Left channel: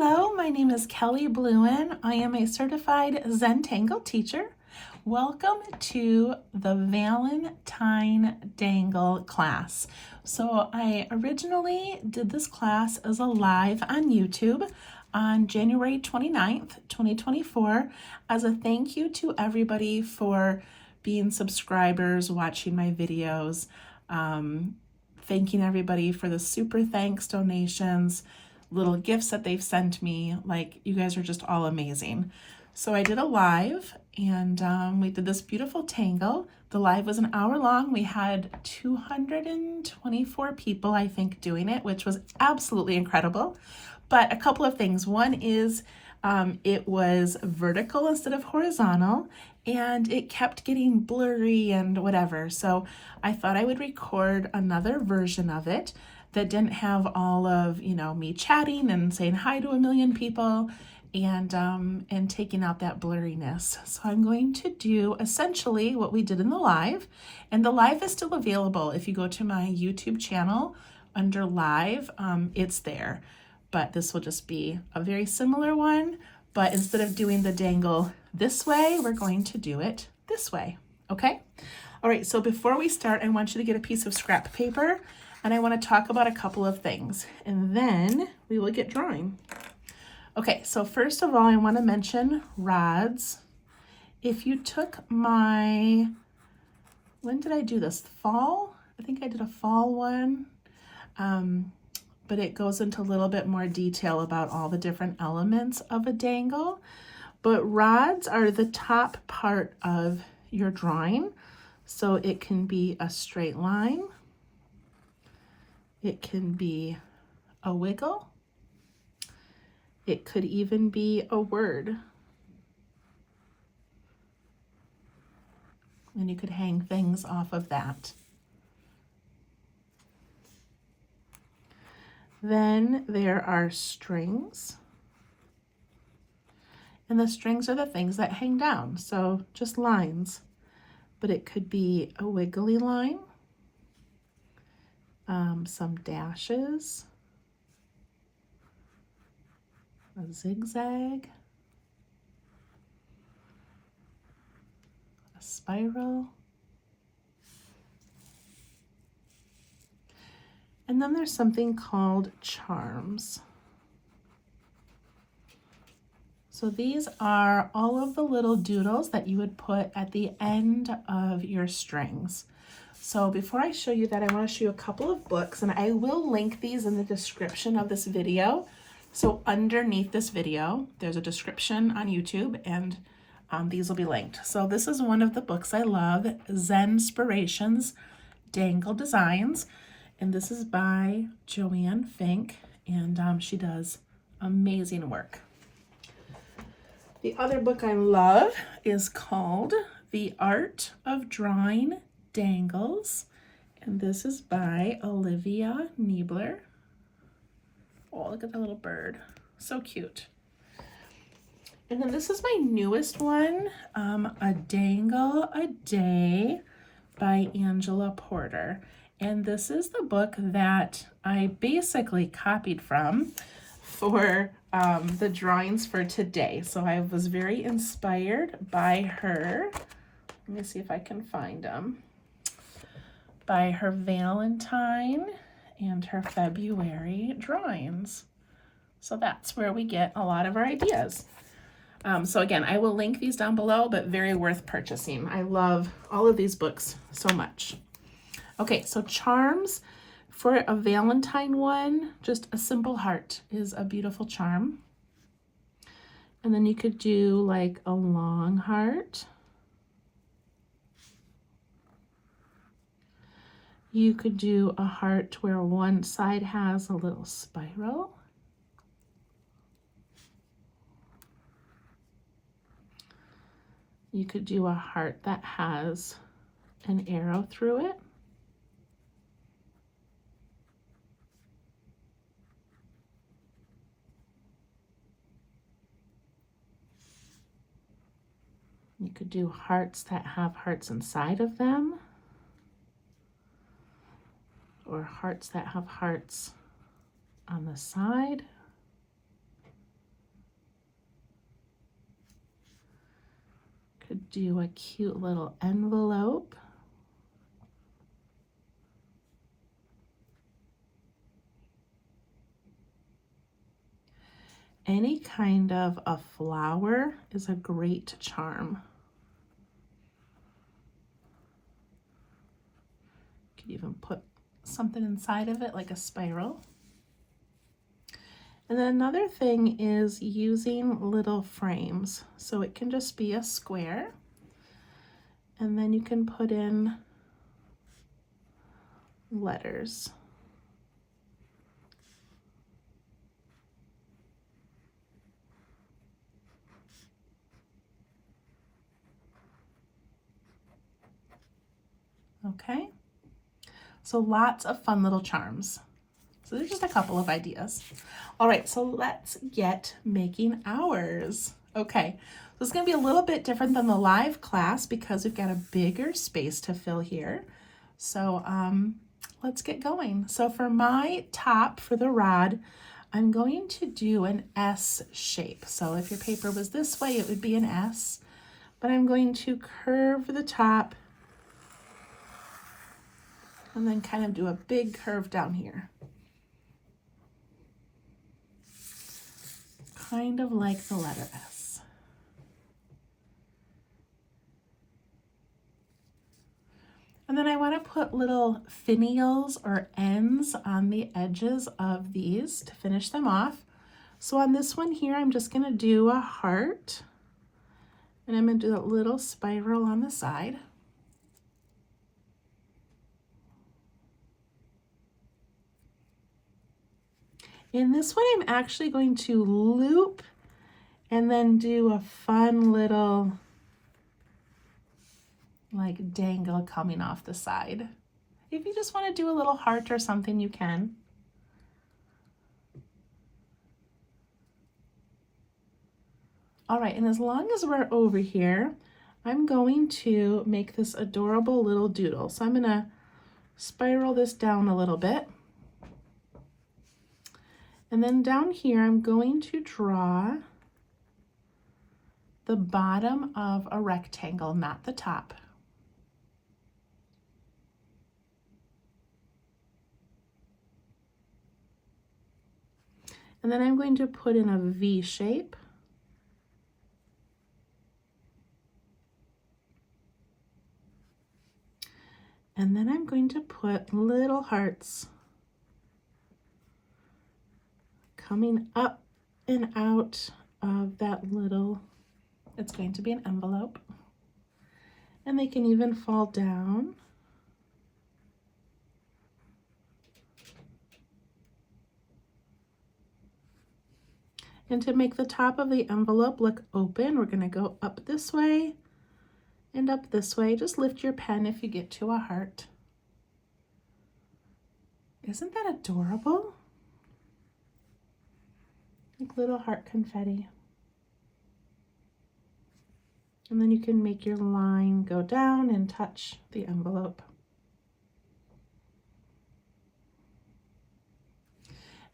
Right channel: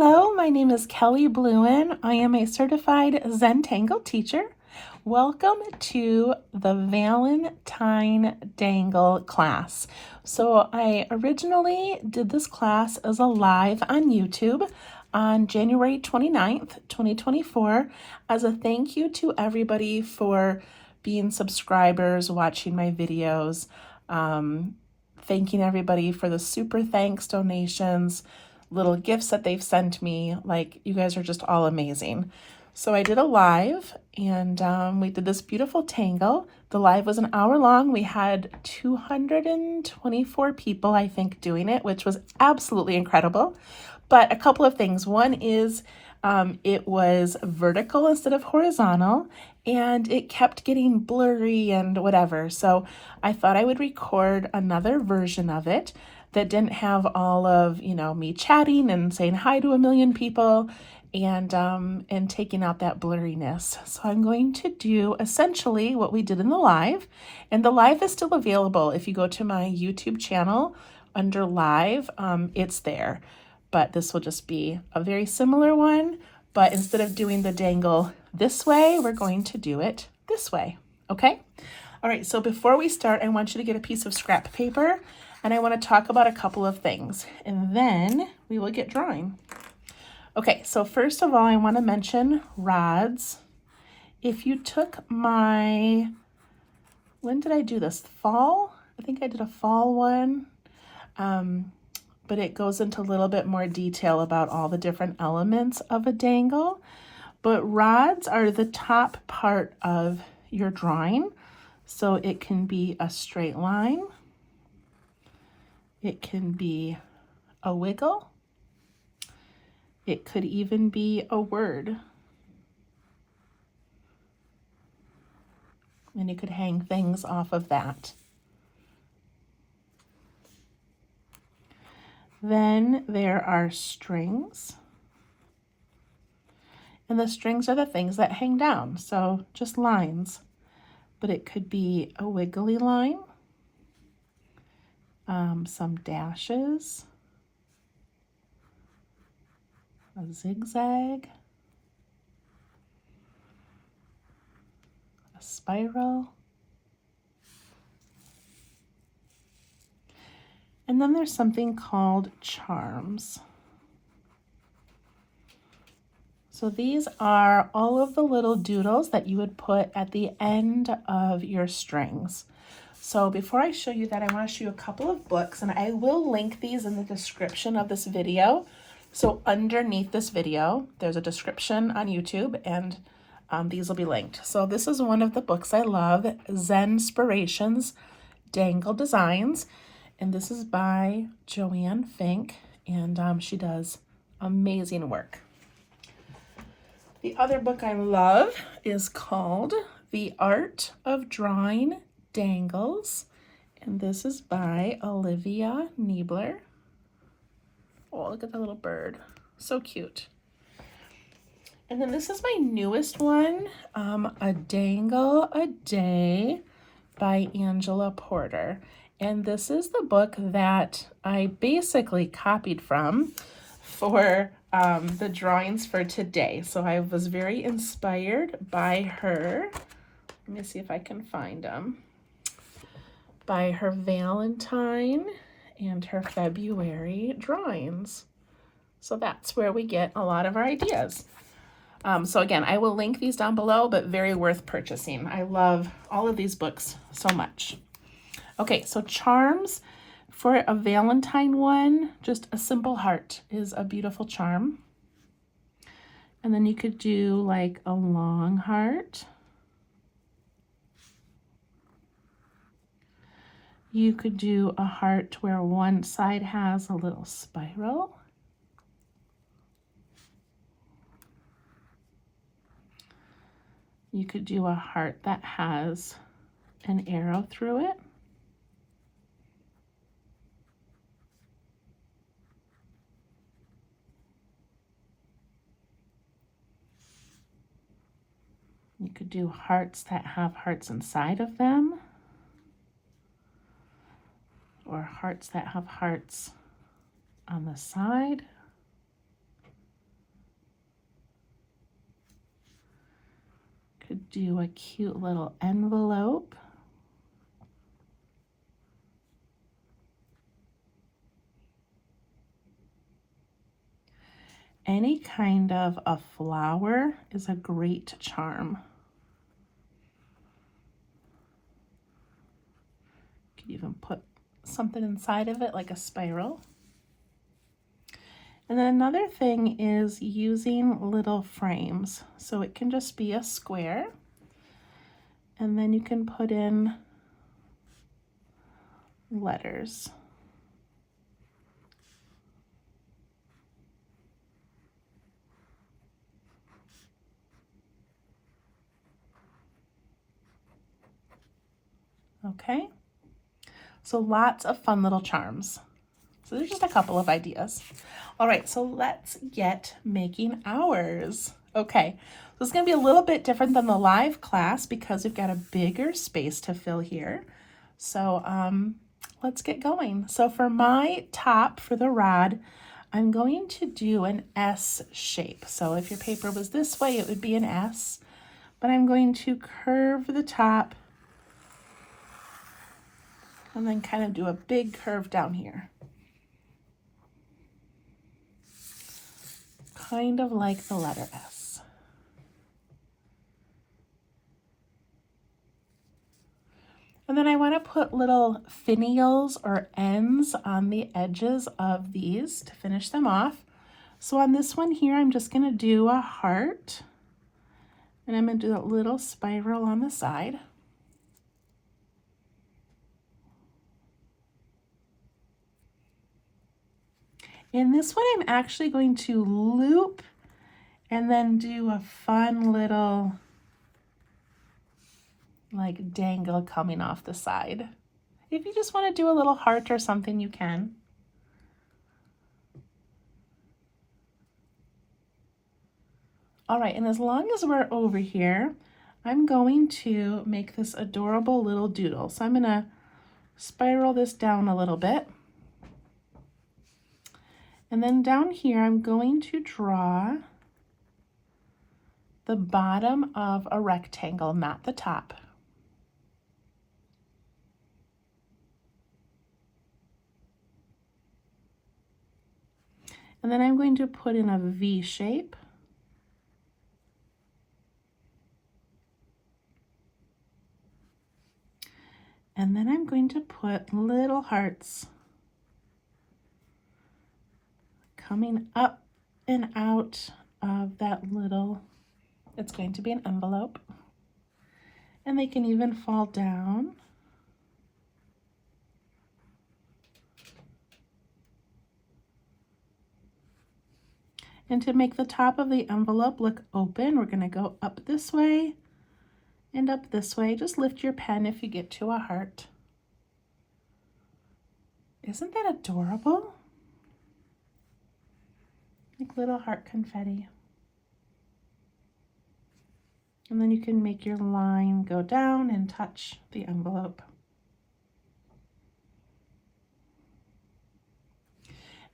Hello, my name is Kelly Bluen. I am a certified Zen-dangle teacher. Welcome to the Valentine Dangle class. So I originally did this class as a live on YouTube on January 29th, 2024, as a thank you to everybody for being subscribers, watching my videos, thanking everybody for the super thanks donations, little gifts that they've sent me. Like, you guys are just all amazing. So I did a live and we did this beautiful tango. The live was an hour long. We had 224 people, I think, doing it, which was absolutely incredible. But a couple of things. One is it was vertical instead of horizontal, and it kept getting blurry and whatever. So I thought I would record another version of it that didn't have all of, me chatting and saying hi to a million people and taking out that blurriness. So I'm going to do essentially what we did in the live, and the live is still available. If you go to my YouTube channel under live, it's there, but this will just be a very similar one, but instead of doing the dangle this way, we're going to do it this way, okay? All right, so before we start, I want you to get a piece of scrap paper, and I want to talk about a couple of things, and then we will get drawing. Okay, so first of all, I want to mention rods. If you took my, when did I do this? Fall? I think I did a fall one, but it goes into a little bit more detail about all the different elements of a dangle. But rods are the top part of your drawing. So it can be a straight line. It can be a wiggle. It could even be a word. And you could hang things off of that. Then there are strings. And the strings are the things that hang down, so just lines. But it could be a wiggly line, some dashes, a zigzag, a spiral, and then there's something called charms. So these are all of the little doodles that you would put at the end of your strings. So before I show you that, I want to show you a couple of books, and I will link these in the description of this video. So underneath this video, there's a description on YouTube, and these will be linked. So this is one of the books I love, Zen-spirations, Dangle Designs, and this is by Joanne Fink, and she does amazing work. The other book I love is called The Art of Drawing Dangles, and this is by Olivia Niebler. Oh, look at the little bird. So cute. And then this is my newest one, A Dangle a Day by Angela Porter. And this is the book that I basically copied from for the drawings for today. So I was very inspired by her. Let me see if I can find them. By her Valentine and her February drawings. So that's where we get a lot of our ideas. So again, I will link these down below, but very worth purchasing. I love all of these books so much. Okay, so charms. For a Valentine one, just a simple heart is a beautiful charm. And then you could do like a long heart. You could do a heart where one side has a little spiral. You could do a heart that has an arrow through it. You could do hearts that have hearts inside of them, or hearts that have hearts on the side. Could do a cute little envelope. Any kind of a flower is a great charm. You could even put something inside of it like a spiral. And then another thing is using little frames. So it can just be a square, and then you can put in letters. Okay, so lots of fun little charms. So there's just a couple of ideas. All right, so let's get making ours. Okay, so it's gonna be a little bit different than the live class because we've got a bigger space to fill here. So let's get going. So for my top for the rod, I'm going to do an S shape. So if your paper was this way, it would be an S, but I'm going to curve the top and then kind of do a big curve down here. Kind of like the letter S. And then I want to put little finials or ends on the edges of these to finish them off. So on this one here, I'm just going to do a heart, and I'm going to do a little spiral on the side. In this one, I'm actually going to loop and then do a fun little like dangle coming off the side. If you just want to do a little heart or something, you can. All right, and as long as we're over here, I'm going to make this adorable little doodle. So I'm going to spiral this down a little bit. And then down here, I'm going to draw the bottom of a rectangle, not the top. And then I'm going to put in a V shape. And then I'm going to put little hearts coming up and out of that little, it's going to be an envelope. And they can even fall down. And to make the top of the envelope look open, we're going to go up this way and up this way. Just lift your pen if you get to a heart. Isn't that adorable? Like little heart confetti. And then you can make your line go down and touch the envelope.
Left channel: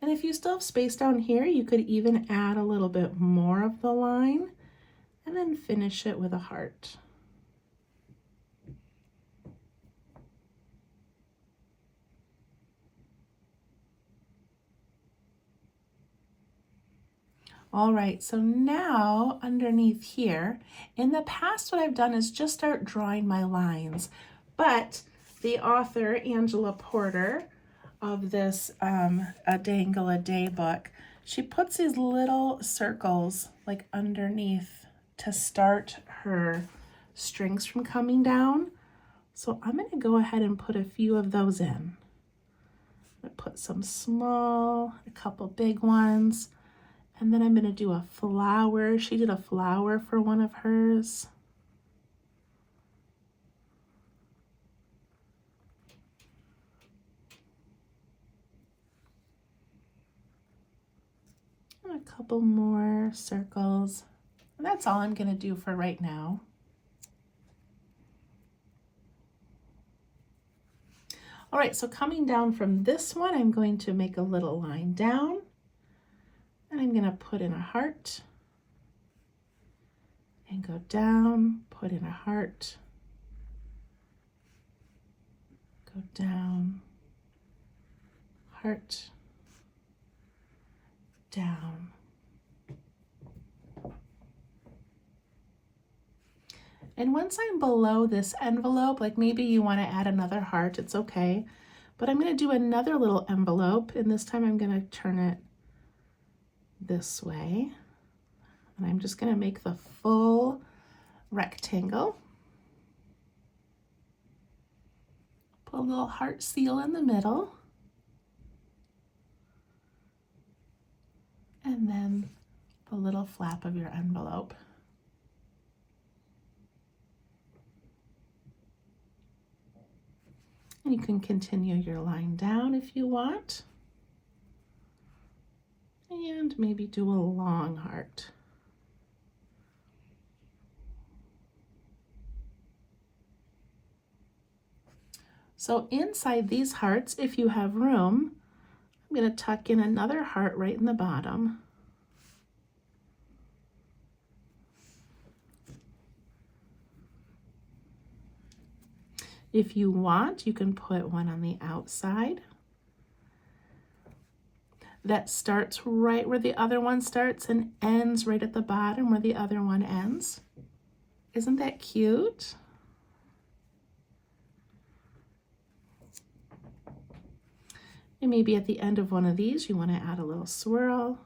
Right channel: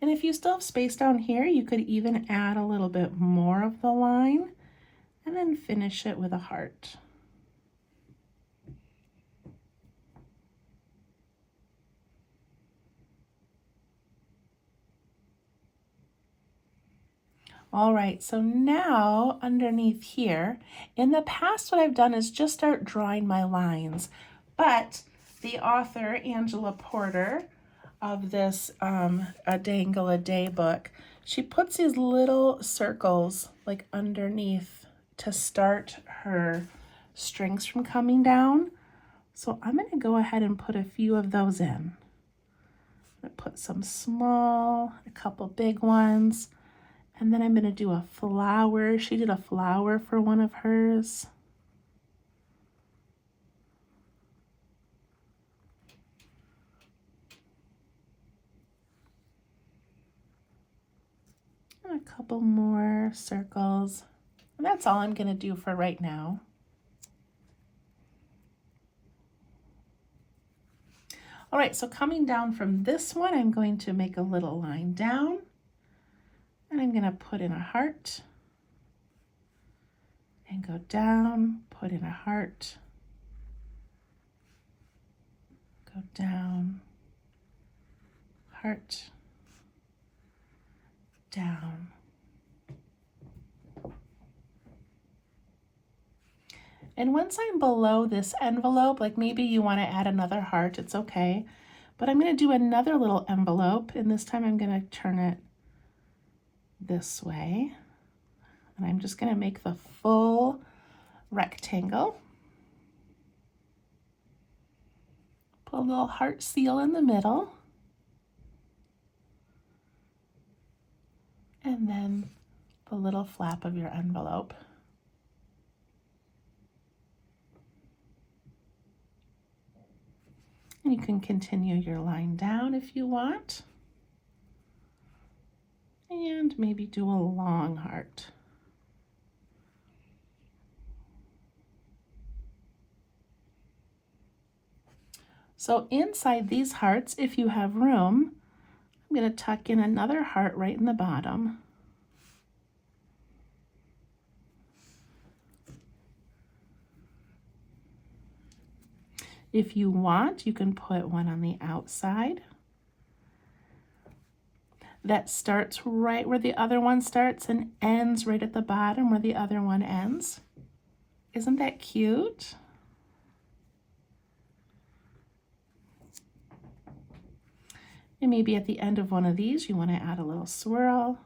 And if you still have space down here, you could even add a little bit more of the line and then finish it with a heart. All right, so now underneath here, in the past what I've done is just start drawing my lines, but the author, Angela Porter, of this A Dangle a Day book, she puts these little circles like underneath to start her strings from coming down. So I'm going to go ahead and put a few of those in. I'm going to put some small, a couple big ones. And then I'm going to do a flower. She did a flower for one of hers. And a couple more circles. And that's all I'm going to do for right now. All right, so coming down from this one, I'm going to make a little line down. And I'm going to put in a heart, and go down, put in a heart, go down, heart, down. And once I'm below this envelope, like maybe you want to add another heart, it's okay. But I'm going to do another little envelope, and this time I'm going to turn it this way. And I'm just going to make the full rectangle. Put a little heart seal in the middle. And then the little flap of your envelope. You can continue your line down if you want. And maybe do a long heart. So inside these hearts, if you have room, I'm going to tuck in another heart right in the bottom. If you want, you can put one on the outside that starts right where the other one starts and ends right at the bottom where the other one ends. Isn't that cute? And maybe at the end of one of these, you want to add a little swirl.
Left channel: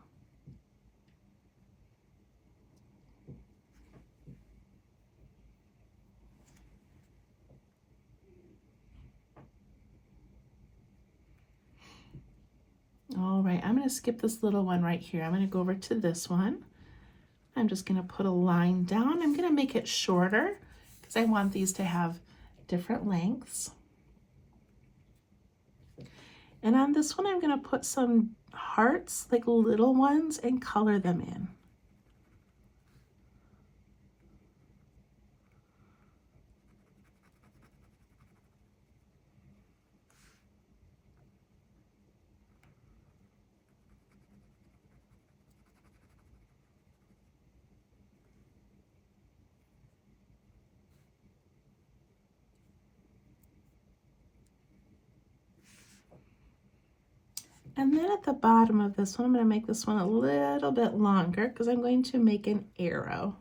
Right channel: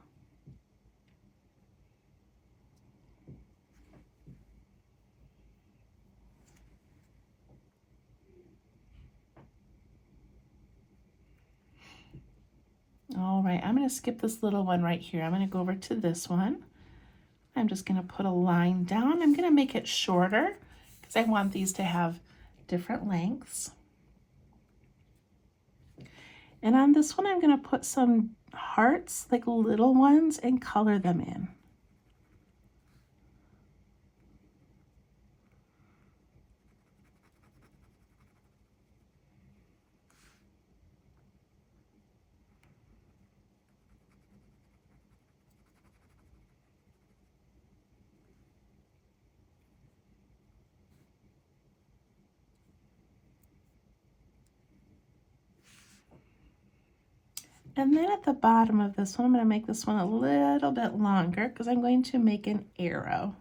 All right, I'm going to skip this little one right here. I'm going to go over to this one. I'm just going to put a line down. I'm going to make it shorter because I want these to have different lengths. And on this one, I'm going to put some hearts, like little ones, and color them in. And then at the bottom of this one, I'm going to make this one a little bit longer because I'm going to make an arrow.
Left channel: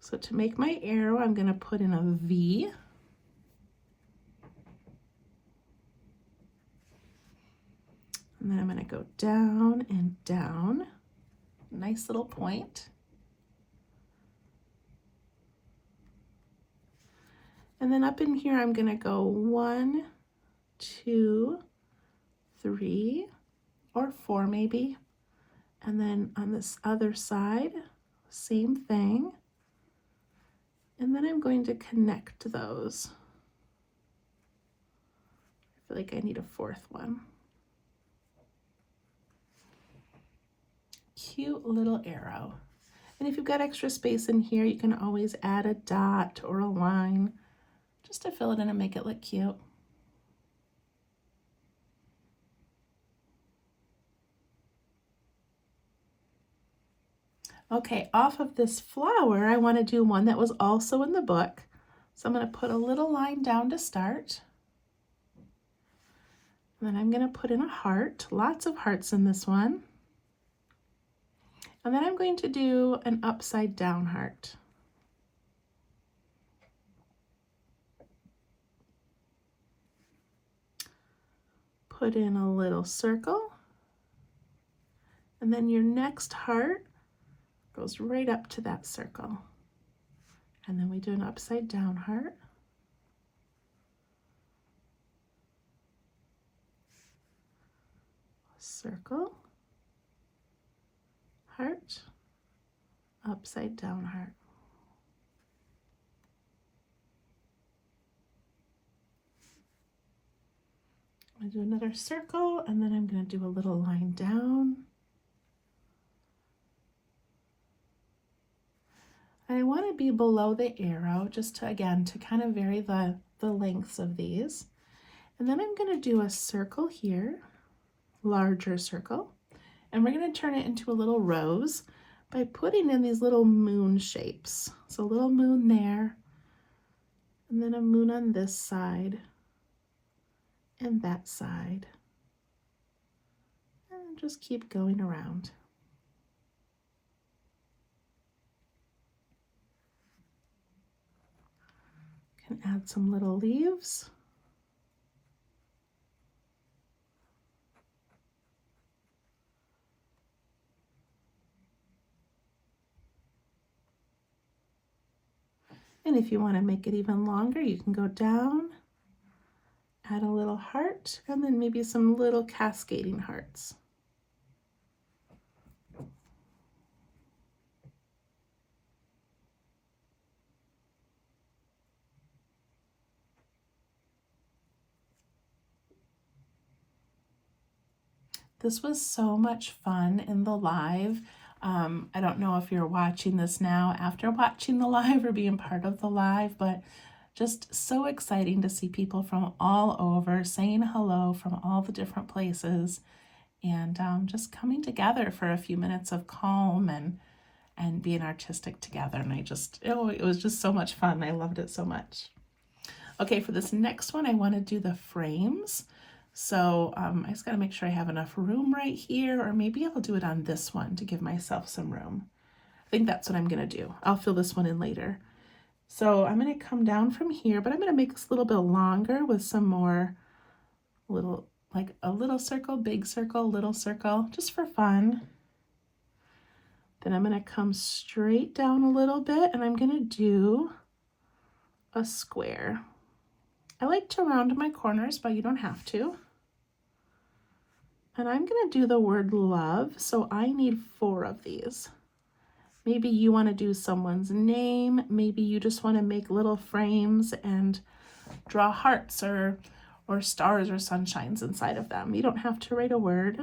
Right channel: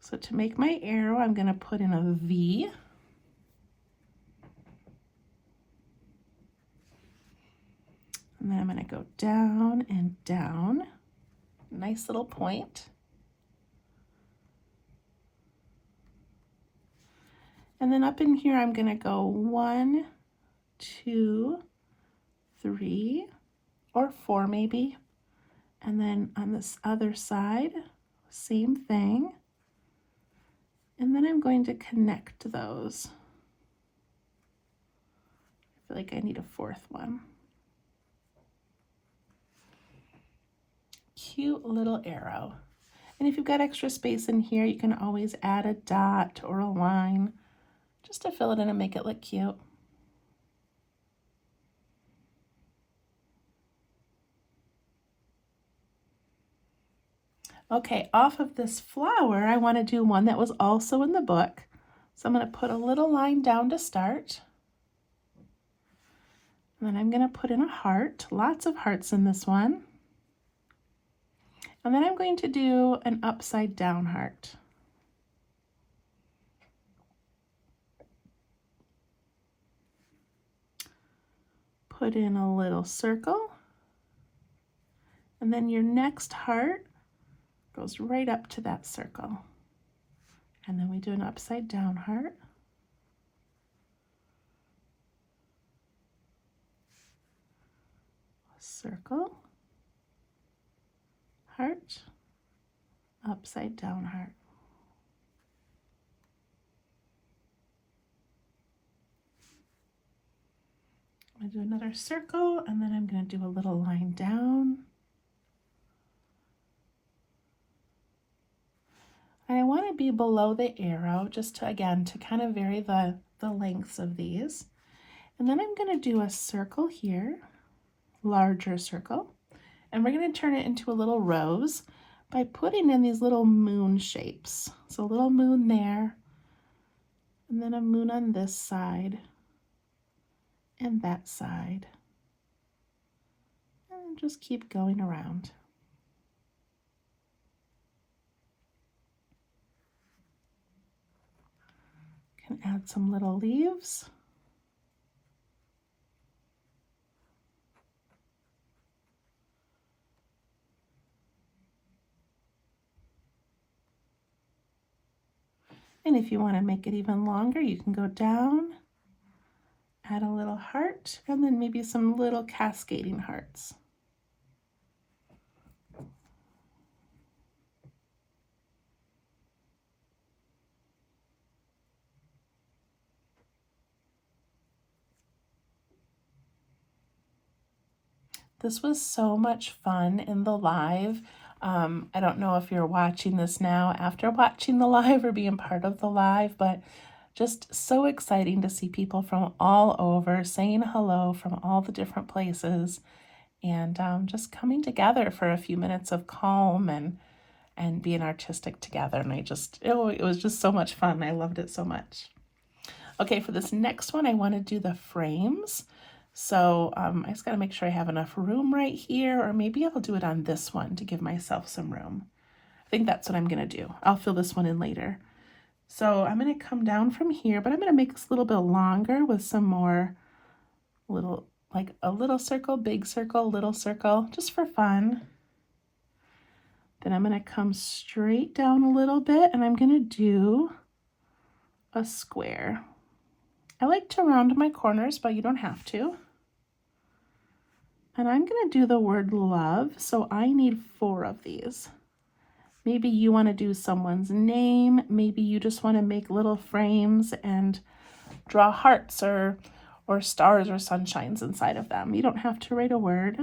So to make my arrow, I'm going to put in a V. And then I'm going to go down and down. Nice little point. And then up in here, I'm going to go 1, 2, 3, or 4 maybe. And then on this other side, same thing. And then I'm going to connect those. I feel like I need a 4th one. Cute little arrow. And if you've got extra space in here, you can always add a dot or a line just to fill it in and make it look cute. Okay, off of this flower, I want to do one that was also in the book. So I'm going to put a little line down to start. And then I'm going to put in a heart, lots of hearts in this one. And then I'm going to do an upside down heart. Put in a little circle. And then your next heart goes right up to that circle. And then we do an upside down heart. Circle, heart, upside down heart. I'm going to do another circle, and then I'm going to do a little line down. I want to be below the arrow just to, again, to kind of vary the lengths of these. And then I'm going to do a circle here, larger circle, and we're going to turn it into a little rose. by putting in these little moon shapes. So a little moon there, and then a moon on this side and that side. And just keep going around. Can add some little leaves. And if you want to make it even longer, you can go down, add a little heart, and then maybe some little cascading hearts. This was so much fun in the live. I don't know if you're watching this now after watching the live or being part of the live, but just so exciting to see people from all over saying hello from all the different places, and just coming together for a few minutes of calm and being artistic together. And it was just so much fun. I loved it so much. Okay, for this next one, I want to do the frames. So I just got to make sure I have enough room right here, or maybe I'll do it on this one to give myself some room. I think that's what I'm going to do. I'll fill this one in later. So I'm going to come down from here, but I'm going to make this a little bit longer with some more like a little circle, big circle, little circle, just for fun. Then I'm going to come straight down a little bit, and I'm going to do a square. I like to round my corners, but you don't have to. And I'm going to do the word love, so I need 4 of these. Maybe you want to do someone's name. Maybe you just want to make little frames and draw hearts or stars or sunshines inside of them. You don't have to write a word.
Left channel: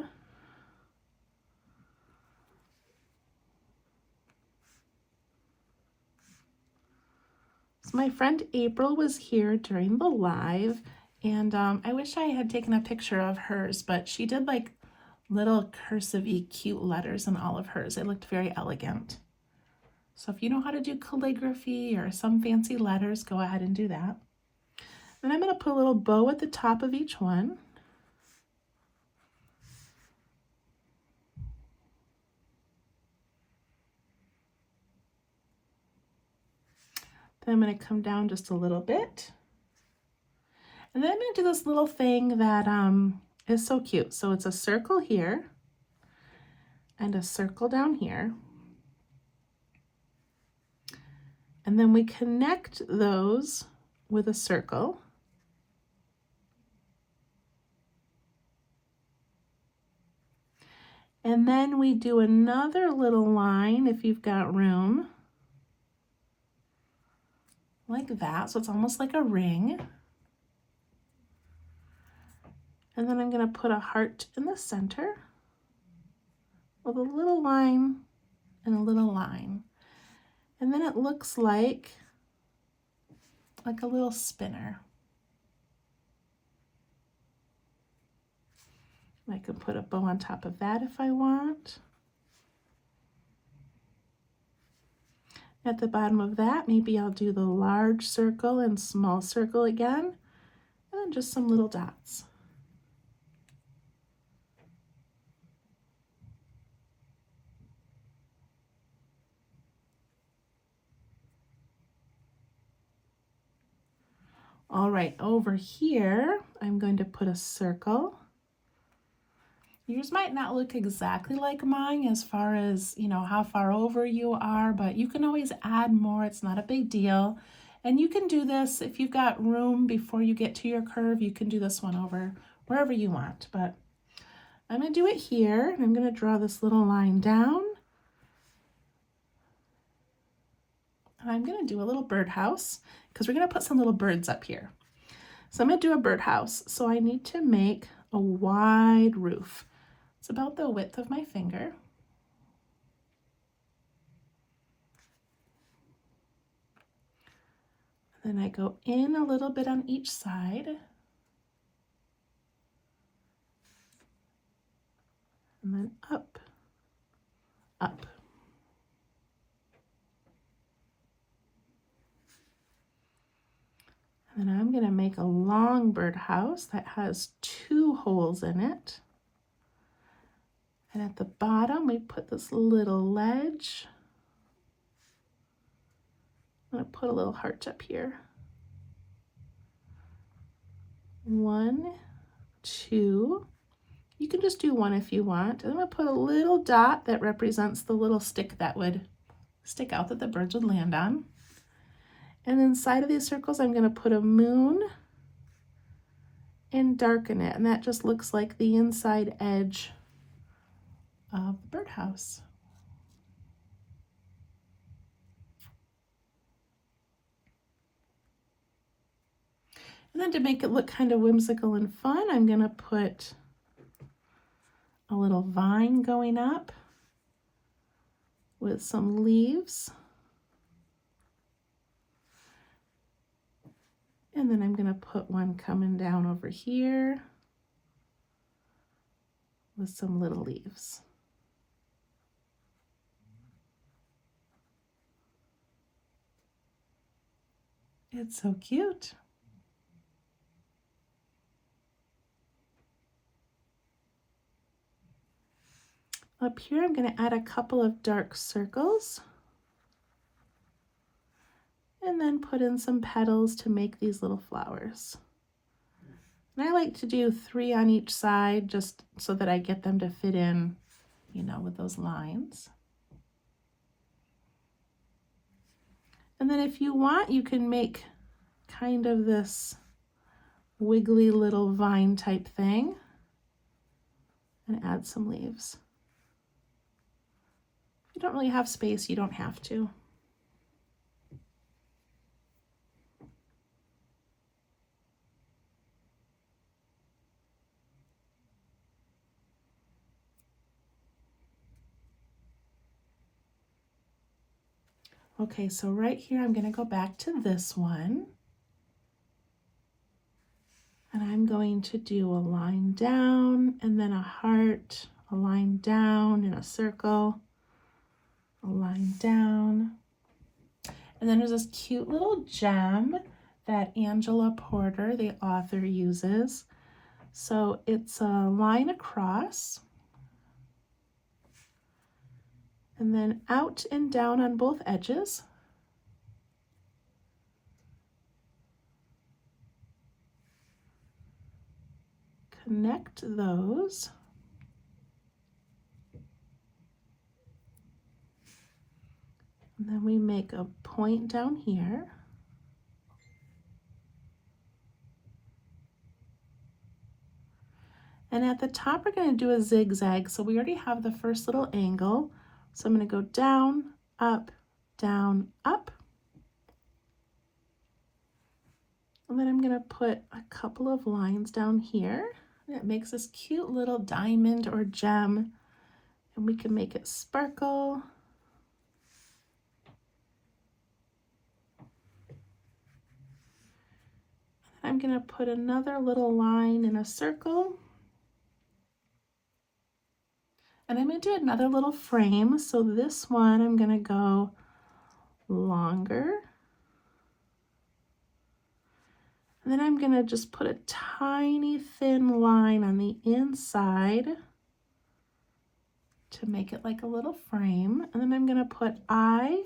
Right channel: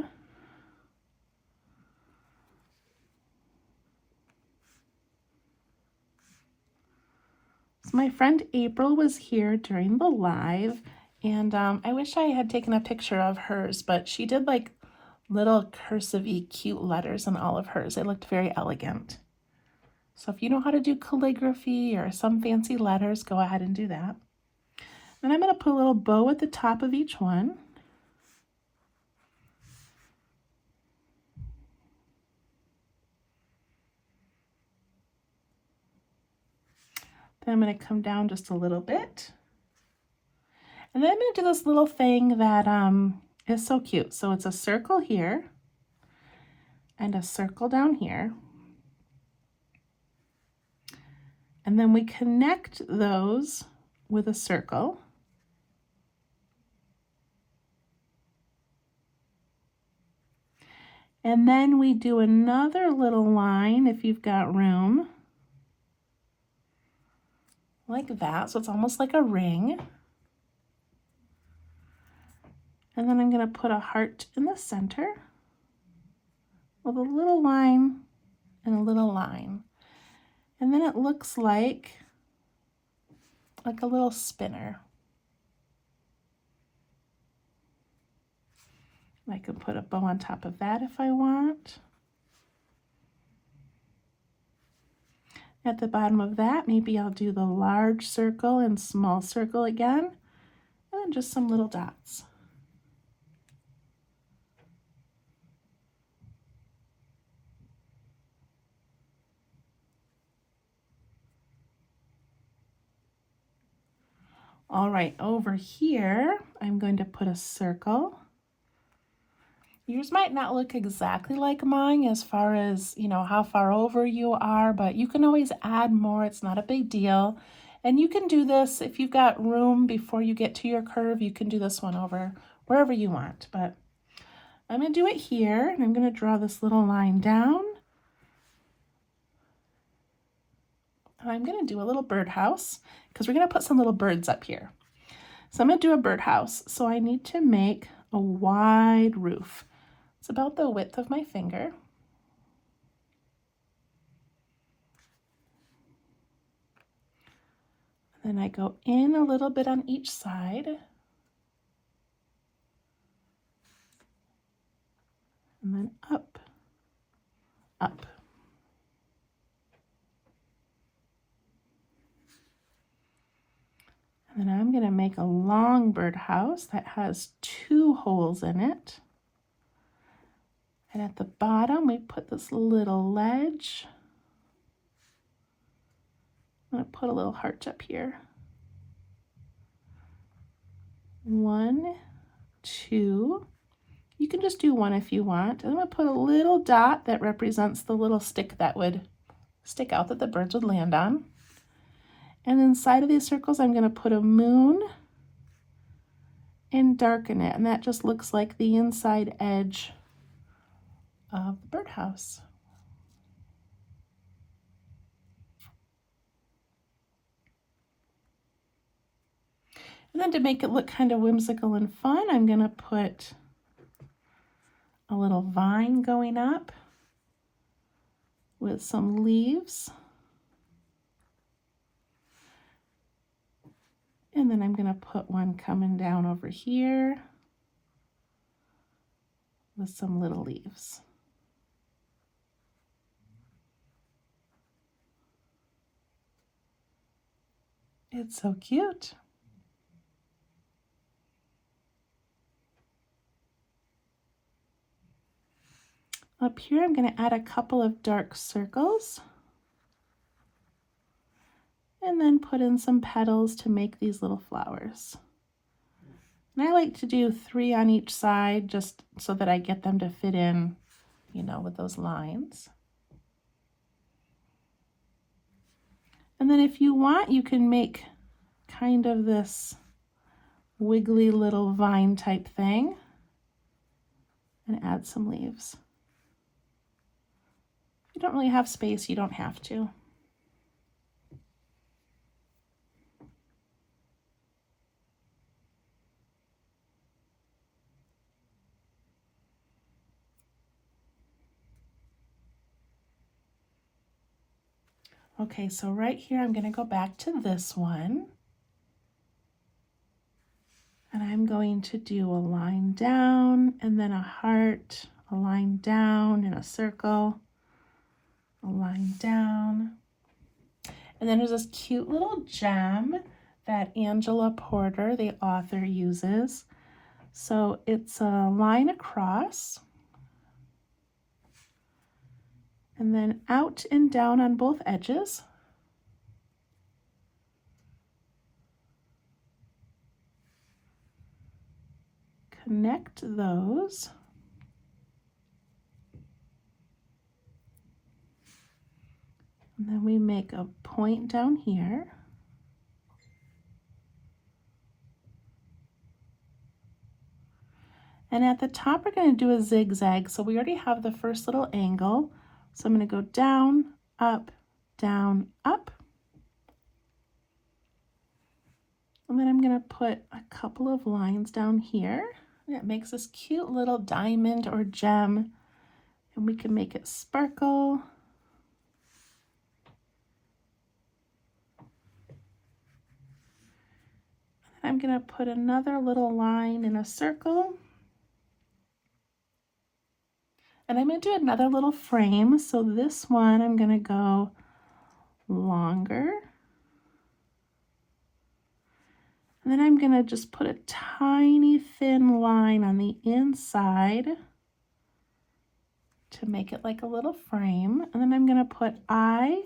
So my friend April was here during the live, and I wish I had taken a picture of hers, but she did like little cursive-y cute letters in all of hers. It looked very elegant. So if you know how to do calligraphy or some fancy letters, go ahead and do that. And I'm going to put a little bow at the top of each one. Then I'm going to come down just a little bit. And then I'm going to do this little thing that is so cute. So it's a circle here and a circle down here. And then we connect those with a circle. And then we do another little line if you've got room. Like that, so it's almost like a ring. And then I'm going to put a heart in the center with a little line and a little line. And then it looks like a little spinner. I could put a bow on top of that if I want. At the bottom of that, maybe I'll do the large circle and small circle again, and then just some little dots. All right, over here, I'm going to put a circle. Yours might not look exactly like mine as far as, how far over you are, but you can always add more. It's not a big deal. And you can do this if you've got room before you get to your curve. You can do this one over wherever you want. But I'm going to do it here, and I'm going to draw this little line down. And I'm going to do a little birdhouse because we're going to put some little birds up here. So I'm going to do a birdhouse. So I need to make a wide roof. It's about the width of my finger. Then I go in a little bit on each side. And then up, up. make a long birdhouse that has 2 holes in it. And at the bottom, we put this little ledge. I'm going to put a little heart up here. 1, 2. You can just do 1 if you want. I'm going to put a little dot that represents the little stick that would stick out that the birds would land on. And inside of these circles, I'm going to put a moon and darken it. And that just looks like the inside edge of the birdhouse. And then to make it look kind of whimsical and fun, I'm going to put a little vine going up with some leaves. And then I'm going to put one coming down over here with some little leaves. It's so cute. Up here, I'm going to add a couple of dark circles and then put in some petals to make these little flowers. And I like to do 3 on each side just so that I get them to fit in, you know, with those lines. And then if you want, you can make kind of this wiggly little vine type thing and add some leaves. If you don't really have space, you don't have to. Okay, so right here, I'm going to go back to this one. And I'm going to do a line down and then a heart, a line down in a circle, a line down. And then there's this cute little gem that Angela Porter, the author, uses. So it's a line across and then out and down on both edges. Connect those. And then we make a point down here. And at the top, we're going to do a zigzag. So we already have the first little angle. So I'm going to go down, up, down, up. And then I'm going to put a couple of lines down here. And it makes this cute little diamond or gem. And we can make it sparkle. And I'm going to put another little line in a circle. And I'm going to do another little frame. So this one, I'm going to go longer. And then I'm going to just put a tiny thin line on the inside to make it like a little frame. And then I'm going to put I,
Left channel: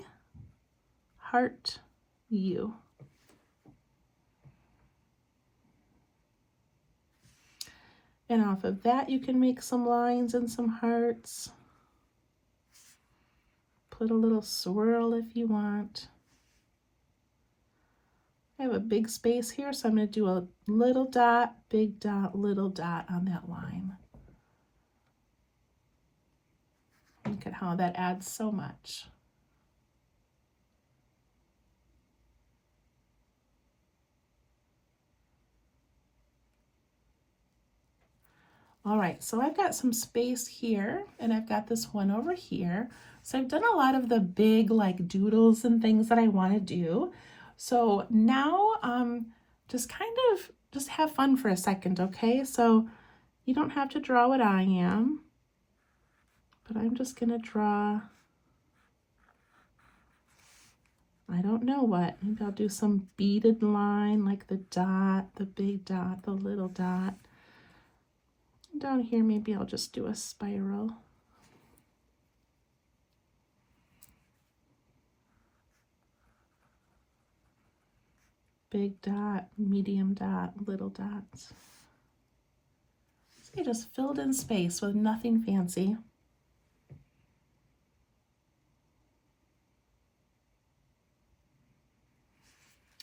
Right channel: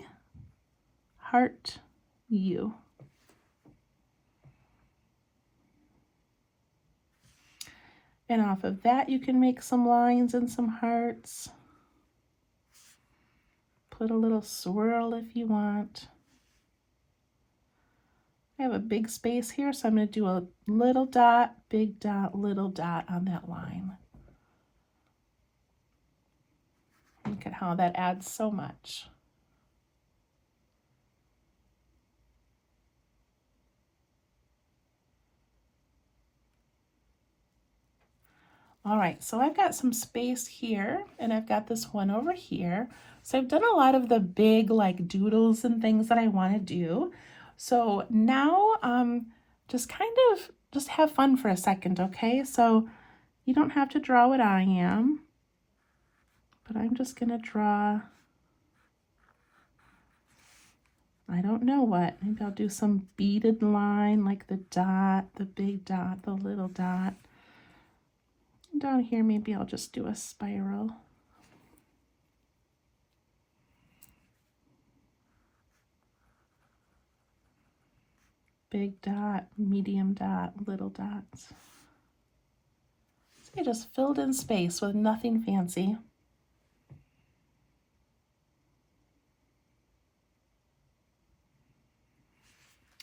heart, U. And off of that, you can make some lines and some hearts. Put a little swirl if you want. I have a big space here, so I'm going to do a little dot, big dot, little dot on that line. Look at how that adds so much. All right, so I've got some space here, and I've got this one over here. So I've done a lot of the big like doodles and things that I want to do. So now just have fun for a second, okay? So you don't have to draw what I am, but I'm just gonna draw I don't know what. Maybe I'll do some beaded line like the dot, the big dot, the little dot. Down here, maybe I'll just do a spiral. Big dot, medium dot, little dots. So I just filled in space with nothing fancy.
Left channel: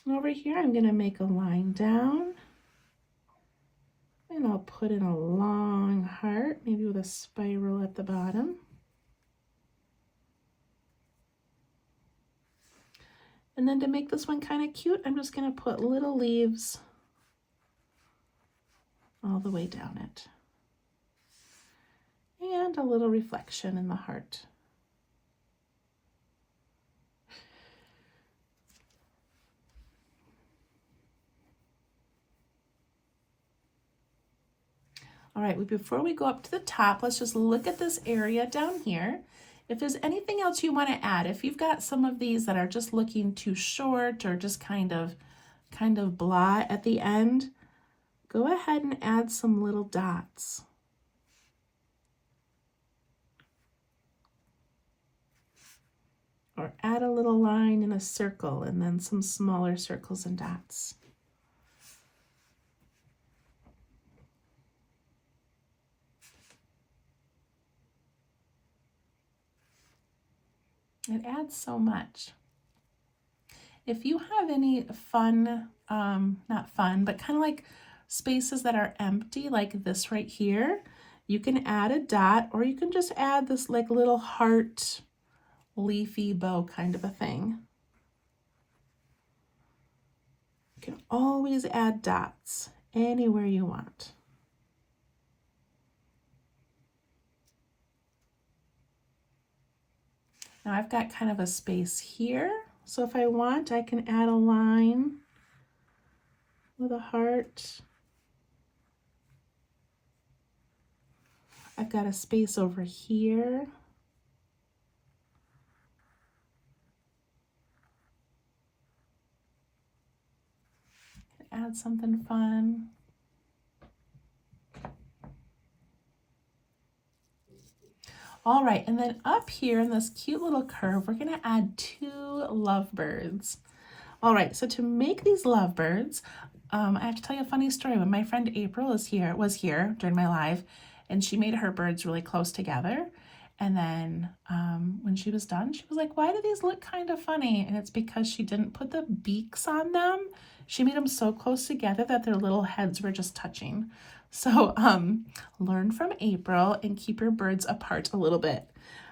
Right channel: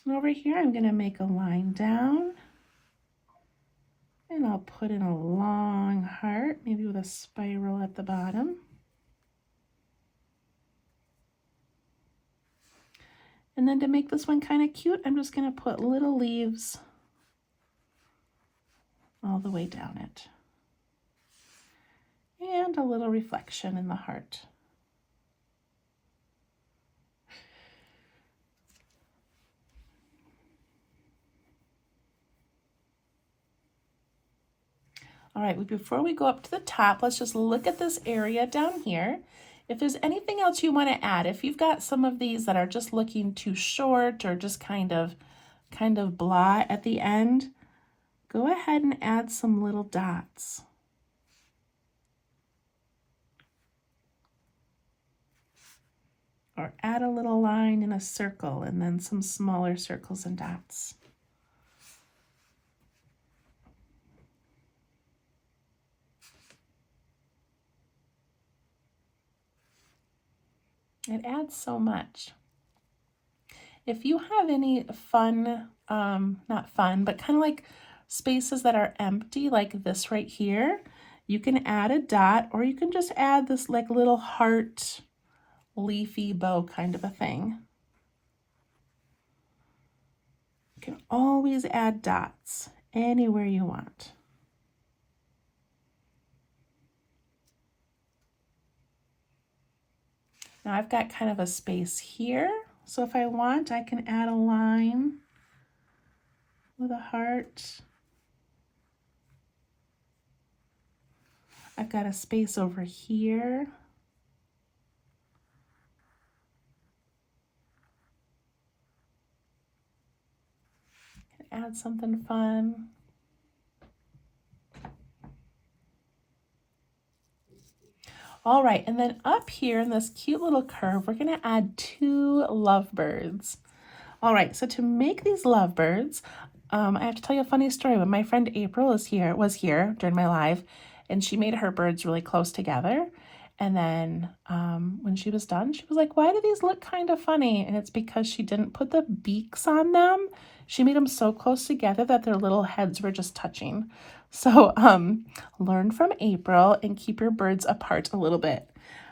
And over here, I'm going to make a line down. And I'll put in a long heart, maybe with a spiral at the bottom. And then to make this one kind of cute, I'm just going to put little leaves all the way down it. And a little reflection in the heart. All right, before we go up to the top, let's just look at this area down here. If there's anything else you want to add, if you've got some of these that are just looking too short or just kind of blah at the end, go ahead and add some little dots. Or add a little line in a circle and then some smaller circles and dots. It adds so much. If you have any fun, not fun, but kind of like spaces that are empty, like this right here, you can add a dot, or you can just add this like little heart, leafy bow kind of a thing. You can always add dots anywhere you want. Now I've got kind of a space here, so if I want, I can add a line with a heart. I've got a space over here. Add something fun. All right, and then up here in this cute little curve, we're gonna add 2 lovebirds. All right, so to make these lovebirds, I have to tell you a funny story. When my friend April was here during my live, and she made her birds really close together. And then when she was done, she was like, why do these look kind of funny? And it's because she didn't put the beaks on them. She made them so close together that their little heads were just touching. So learn from April and keep your birds apart a little bit.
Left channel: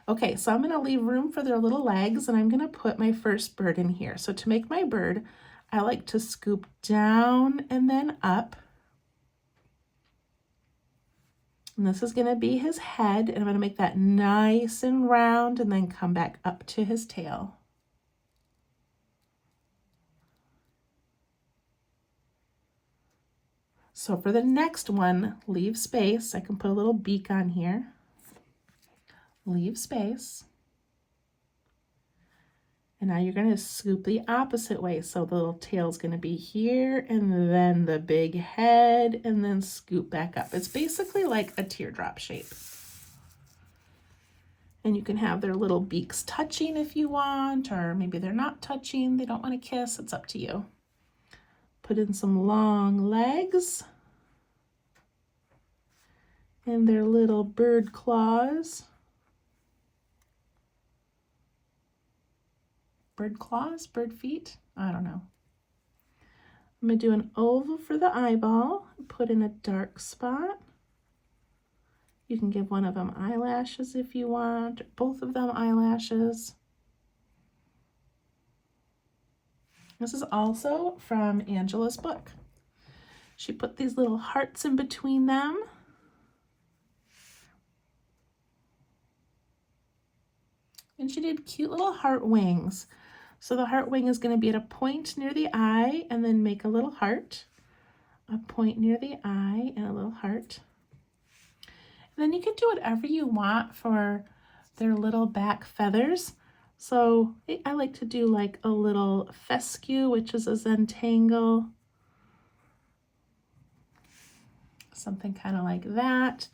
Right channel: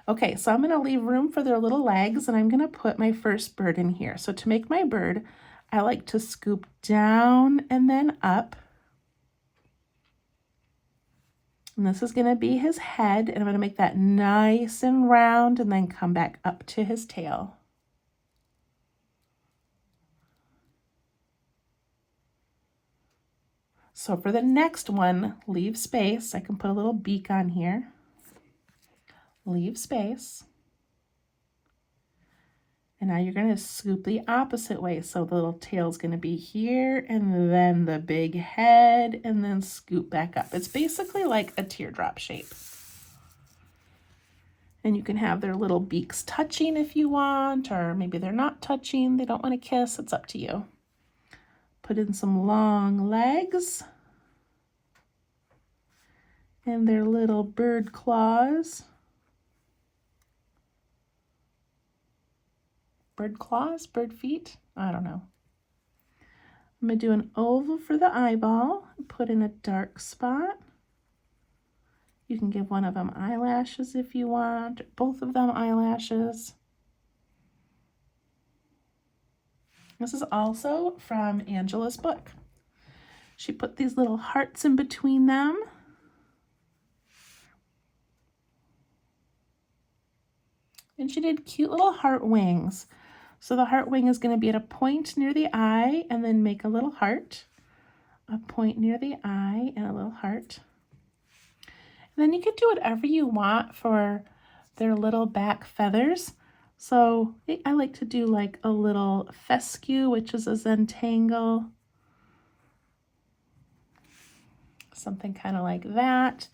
Okay, so I'm going to leave room for their little legs, and I'm going to put my first bird in here. So to make my bird, I like to scoop down and then up. And this is going to be his head, and I'm going to make that nice and round and then come back up to his tail. So for the next one, leave space. I can put a little beak on here. Leave space. And now you're going to scoop the opposite way. So the little tail is going to be here, and then the big head, and then scoop back up. It's basically like a teardrop shape. And you can have their little beaks touching if you want, or maybe they're not touching. They don't want to kiss. It's up to you. Put in some long legs and their little bird claws. Bird claws, bird feet, I don't know. I'm going to do an oval for the eyeball, put in a dark spot. You can give one of them eyelashes if you want, both of them eyelashes. This is also from Angela's book. She put these little hearts in between them. And she did cute little heart wings. So the heart wing is going to be at a point near the eye and then make a little heart. A point near the eye and a little heart. And then you can do whatever you want for their little back feathers. So I like to do like a little fescue, which is a Zen-tangle. Something kind of like that.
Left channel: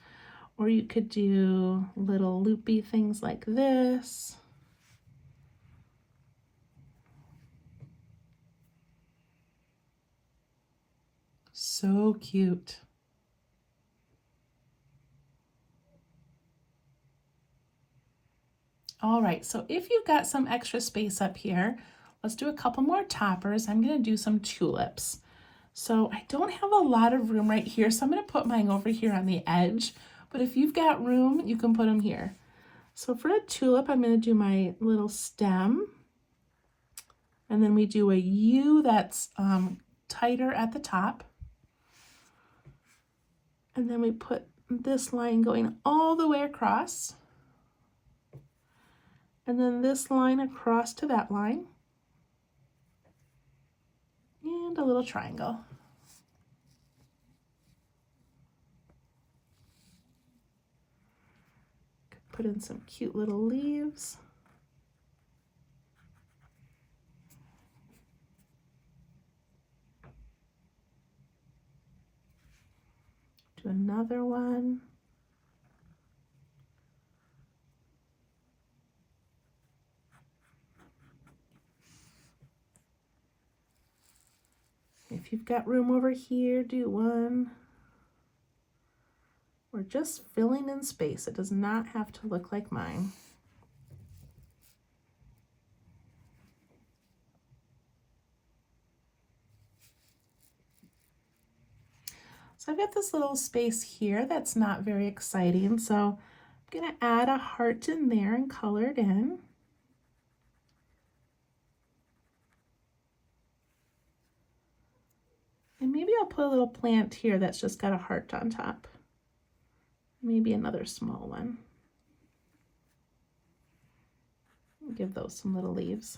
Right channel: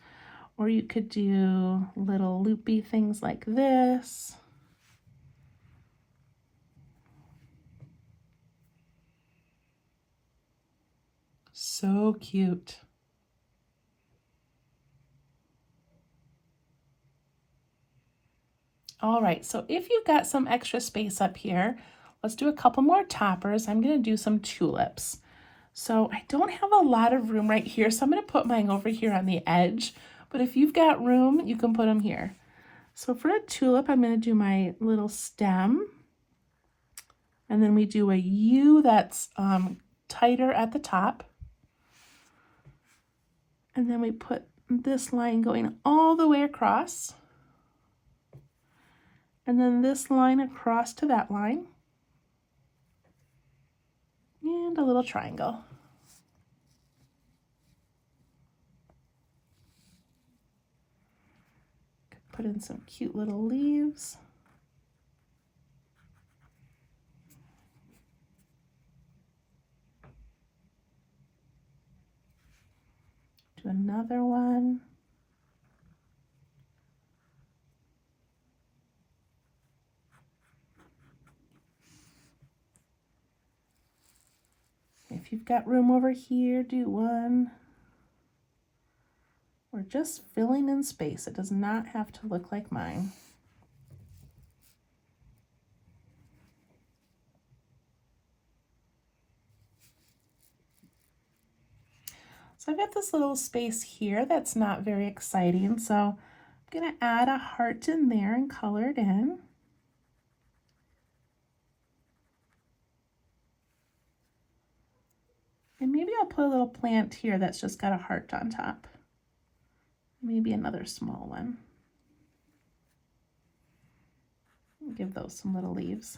Or you could do little loopy things like this. So cute. All right, so if you've got some extra space up here, let's do a couple more toppers. I'm going to do some tulips. So I don't have a lot of room right here, so I'm going to put mine over here on the edge. But if you've got room, you can put them here. So for a tulip, I'm going to do my little stem. And then we do a U that's tighter at the top. And then we put this line going all the way across. And then this line across to that line. And a little triangle. Put in some cute little leaves. Do another one. If you've got room over here, do one. We're just filling in space. It does not have to look like mine. So I've got this little space here that's not very exciting. So I'm going to add a heart in there and color it in. And maybe I'll put a little plant here that's just got a heart on top. Maybe another small one. Give those some little leaves.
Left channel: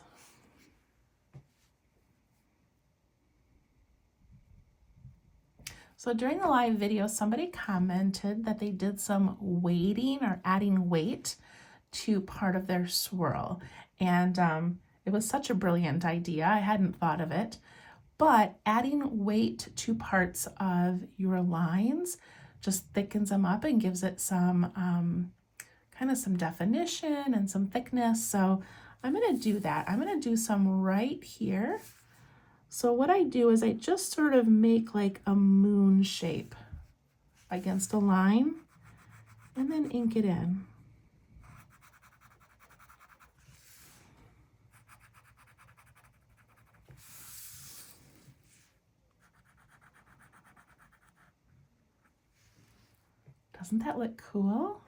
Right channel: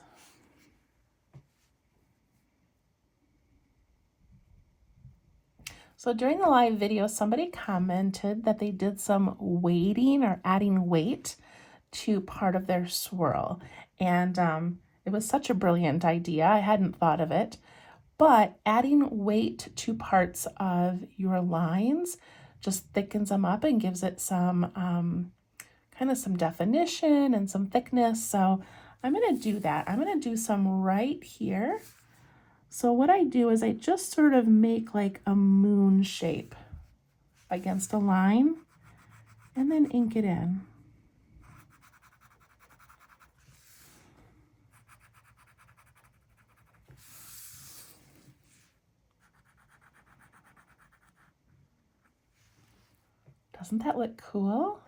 So during the live video, somebody commented that they did some weighting or adding weight to part of their swirl. And it was such a brilliant idea. I hadn't thought of it. But adding weight to parts of your lines just thickens them up and gives it some kind of some definition and some thickness. So I'm going to do that. I'm going to do some right here. So what I do is I just sort of make like a moon shape against a line and then ink it in. Doesn't that look cool?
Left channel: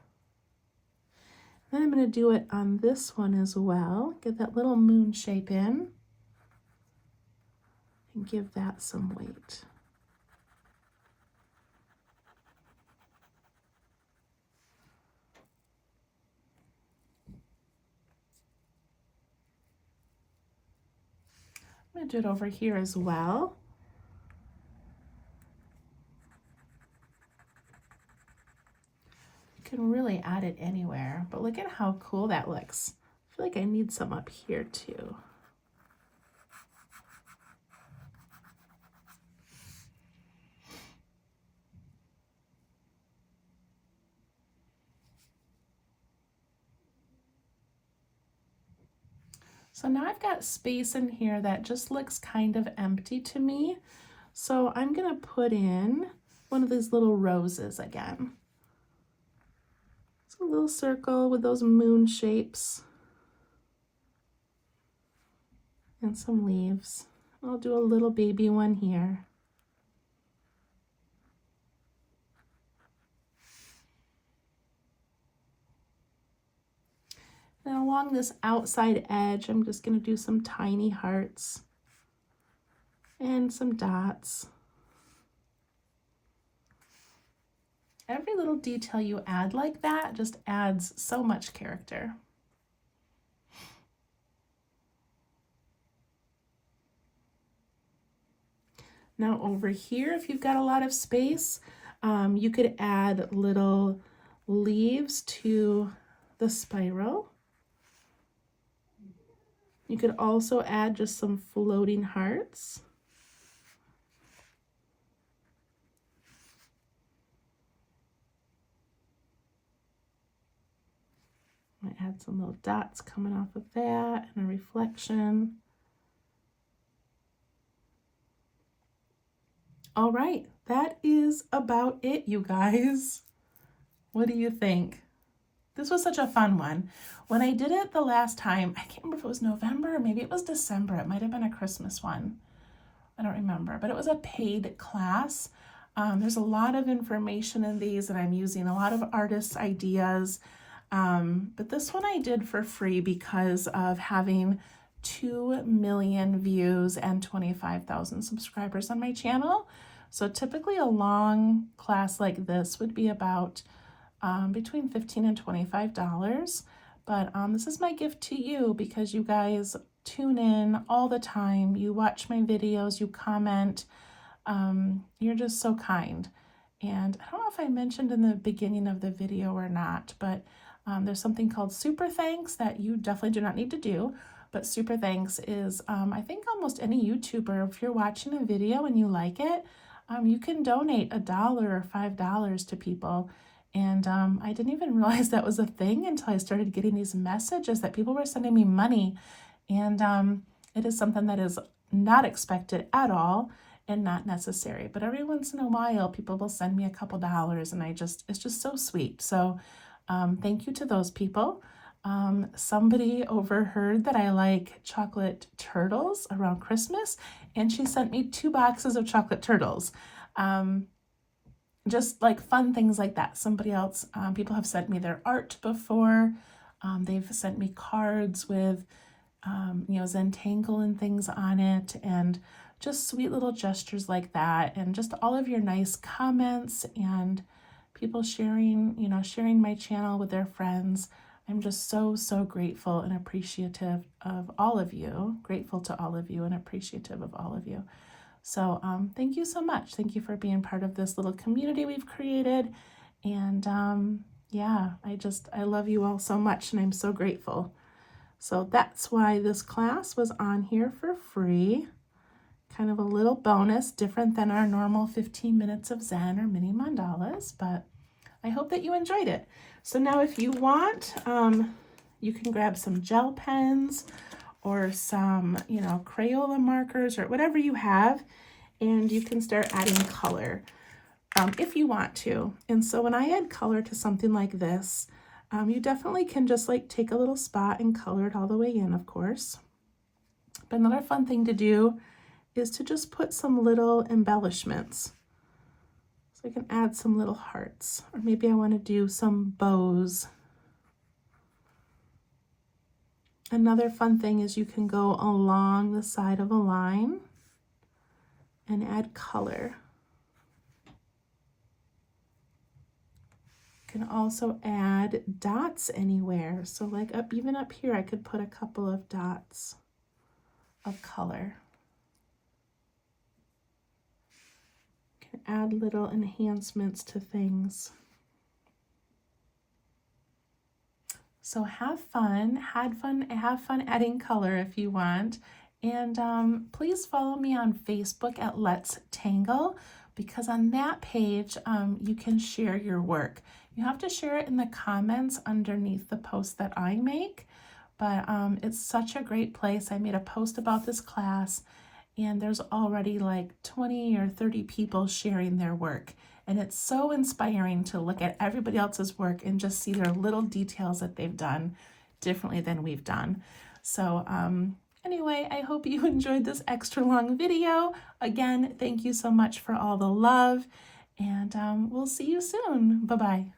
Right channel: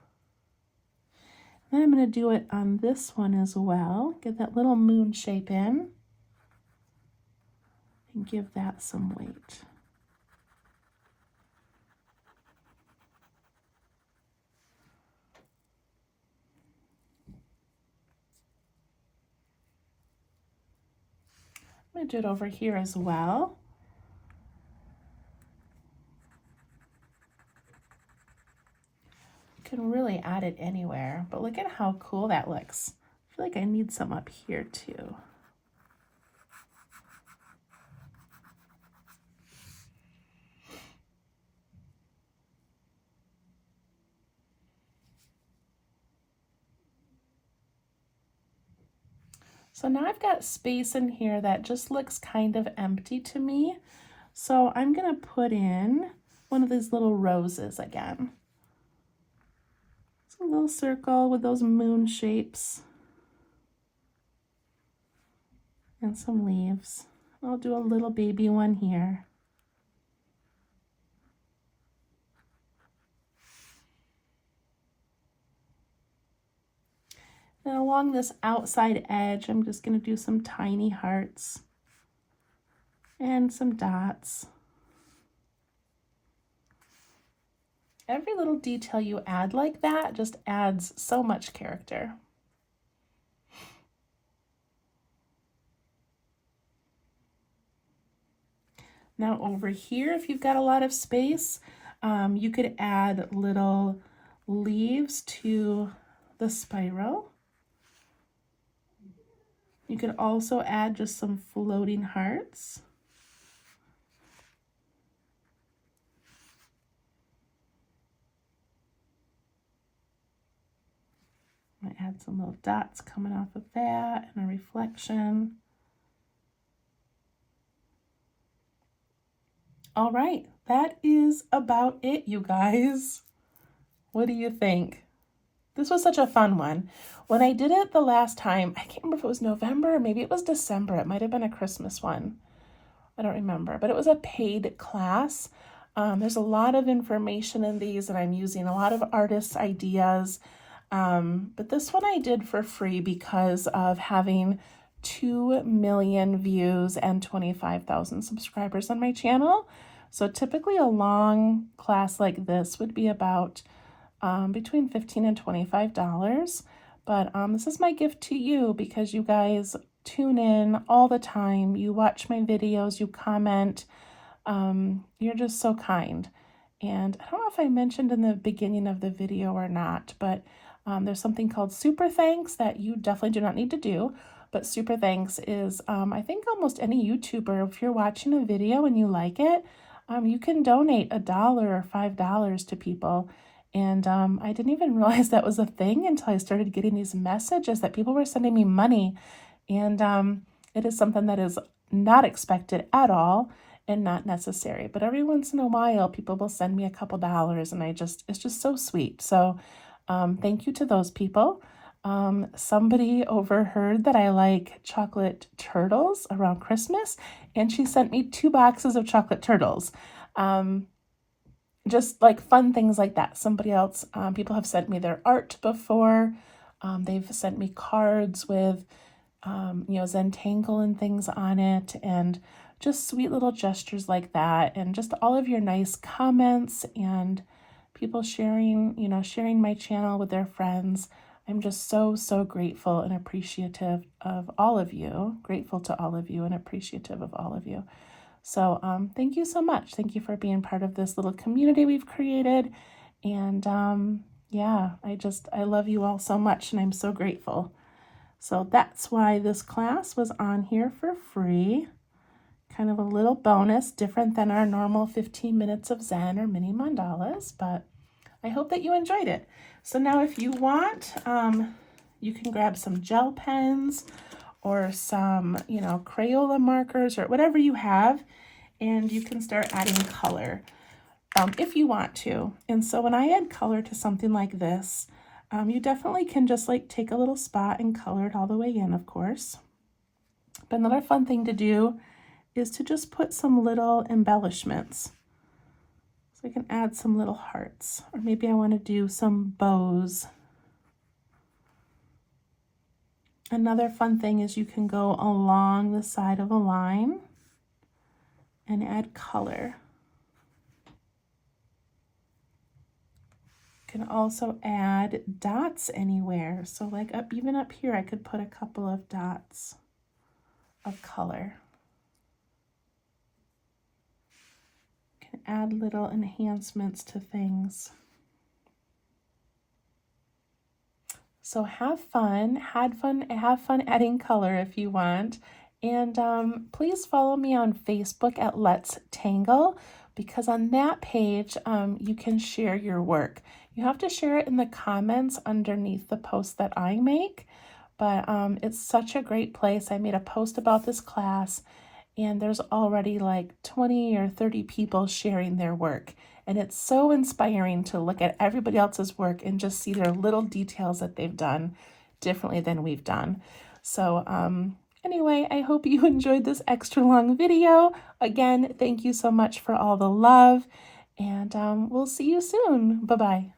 Then I'm going to do it on this one as well. Get that little moon shape in and give that some weight. I'm going to do it over here as well. You can really add it anywhere, but look at how cool that looks. I feel like I need some up here too. So now I've got space in here that just looks kind of empty to me. So I'm going to put in one of these little roses again. A little circle with those moon shapes and some leaves. I'll do a little baby one here. Then along this outside edge, I'm just going to do some tiny hearts and some dots. Every little detail you add like that just adds so much character. Now over here, if you've got a lot of space, you could add little leaves to the spiral. You could also add just some floating hearts. I add some little dots coming off of that and a reflection. All right, that is about it, you guys. What do you think? This was such a fun one. When I did it the last time, I can't remember if it was November or maybe it was December. It might have been a Christmas one. I don't remember, but it was a paid class. There's a lot of information in these, and I'm using a lot of artists' ideas. But this one I did for free because of having 2 million views and 25,000 subscribers on my channel. So typically a long class like this would be about between $15 and $25. But this is my gift to you because you guys tune in all the time. You watch my videos, you comment. You're just so kind. And I don't know if I mentioned in the beginning of the video or not, but there's something called Super Thanks that you definitely do not need to do. But Super Thanks is, I think almost any YouTuber, if you're watching a video and you like it, you can donate $1 or $5 to people. And I didn't even realize that was a thing until I started getting these messages that people were sending me money. And it is something that is not expected at all and not necessary. But every once in a while, people will send me a couple dollars, and it's just so sweet. So thank you to those people. Somebody overheard that I like chocolate turtles around Christmas, and she sent me 2 boxes of chocolate turtles. Just like fun things like that. Somebody else, people have sent me their art before. They've sent me cards with, Zen-dangle and things on it, and just sweet little gestures like that, and just all of your nice comments and people sharing my channel with their friends. I'm just so, so grateful and appreciative of all of you. Grateful to all of you and appreciative of all of you. So thank you so much. Thank you for being part of this little community we've created. And yeah, I love you all so much, and I'm so grateful. So that's why this class was on here for free. Kind of a little bonus, different than our normal 15 minutes of Zen or mini mandalas, but I hope that you enjoyed it. So now if you want, you can grab some gel pens or some, Crayola markers or whatever you have, and you can start adding color if you want to. And so when I add color to something like this, you definitely can just take a little spot and color it all the way in, of course. But another fun thing to do is to just put some little embellishments. So I can add some little hearts, or maybe I want to do some bows. Another fun thing is you can go along the side of a line and add color. You can also add dots anywhere. So even up here, I could put a couple of dots of color. You can add little enhancements to things. So have fun adding color if you want. And please follow me on Facebook at Let's Tangle, because on that page, you can share your work. You have to share it in the comments underneath the post that I make, but it's such a great place. I made a post about this class, and there's already 20 or 30 people sharing their work. And it's so inspiring to look at everybody else's work and just see their little details that they've done differently than we've done. So anyway, I hope you enjoyed this extra long video. Again, thank you so much for all the love, and we'll see you soon. Bye-bye.